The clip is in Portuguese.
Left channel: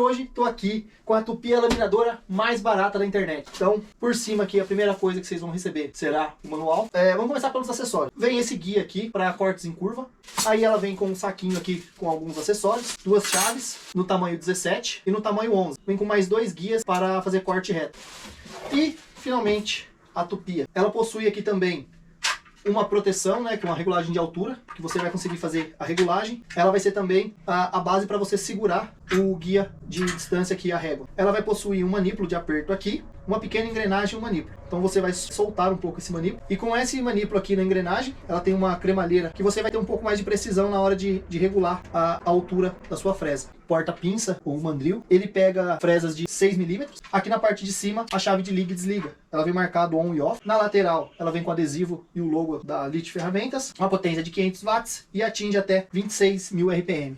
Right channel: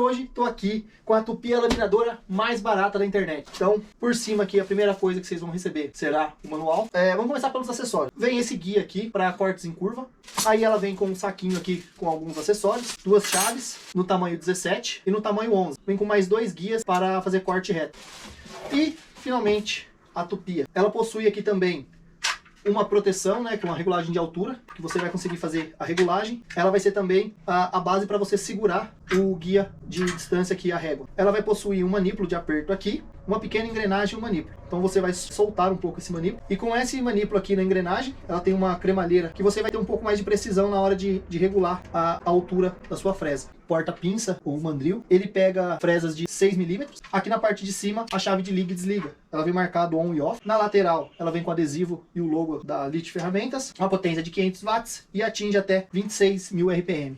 hoje estou aqui com a Tupia laminadora mais barata da internet. Então, por cima aqui, a primeira coisa que vocês vão receber será o manual. Vamos começar pelos acessórios. Vem esse guia aqui para cortes em curva. Aí ela vem com um saquinho aqui com alguns acessórios, 2 chaves no tamanho 17 e no tamanho 11. Vem com mais 2 guias para fazer corte reto. E, finalmente, a Tupia. Ela possui aqui também uma proteção, né, com a regulagem de altura, que você vai conseguir fazer a regulagem. Ela vai ser também a base para você segurar o guia de distância aqui, a régua. Ela vai possuir um manípulo de aperto aqui, uma pequena engrenagem e um manípulo. Então você vai soltar um pouco esse manípulo. E com esse manípulo aqui na engrenagem, ela tem uma cremalheira que você vai ter um pouco mais de precisão na hora de regular a altura da sua fresa. Porta-pinça ou mandril, ele pega fresas de 6 milímetros. Aqui na parte de cima, a chave de liga e desliga. Ela vem marcado on e off. Na lateral, ela vem com adesivo e o logo da Lit Ferramentas. Uma potência de 500 watts e atinge até 26.000 RPM.